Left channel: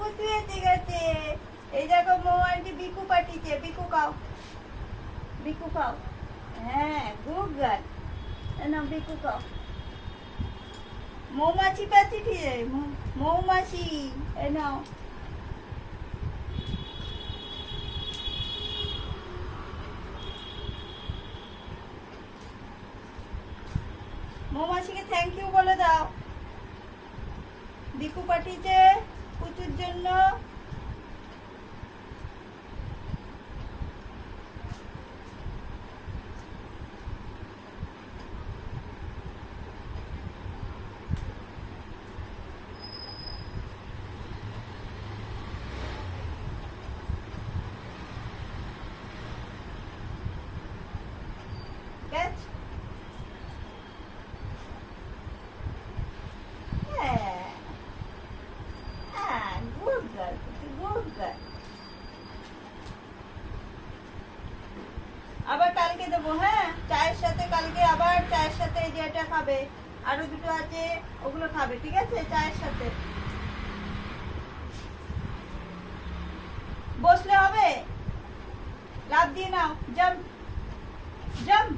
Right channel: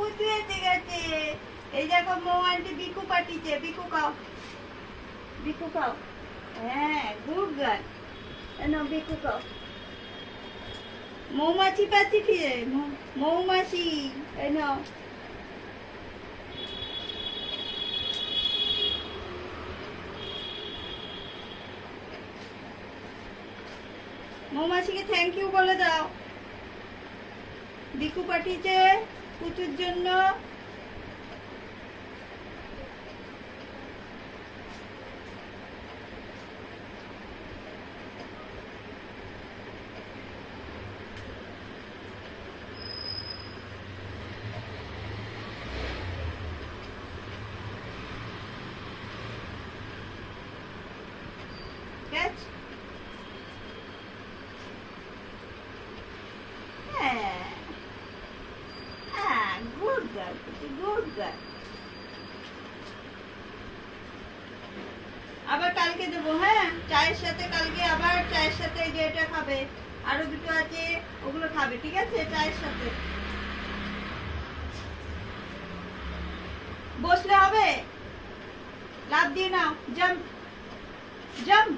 পুচু এসে গেছে। এই দেখো মৌ আন্টি বিকু পাঠিয়েছে। বিকু খাও, বিকু খাও। হ্যাঁ গুড গার্ল। না বিকু খাও। মৌমাছি পাচ্ছি ফিরে, মৌমাছি। এই নাও। মৌমাছিকে থ্যাংক ইউ বলে দাও। বিকু পাঠিয়েছে পুচুর জন্য। আবার কালকে দেবো। হ্যাঁ চায়ের সাথে কালকে আবার চায়ের সাথে যেটা খাবে, আরো দুটো আছে ওগুলো খাবে, ঠিক আছে? চায়ের সাথে বসলে হবে। লাফ দিয়ে নাও, জাম্প জাম্প।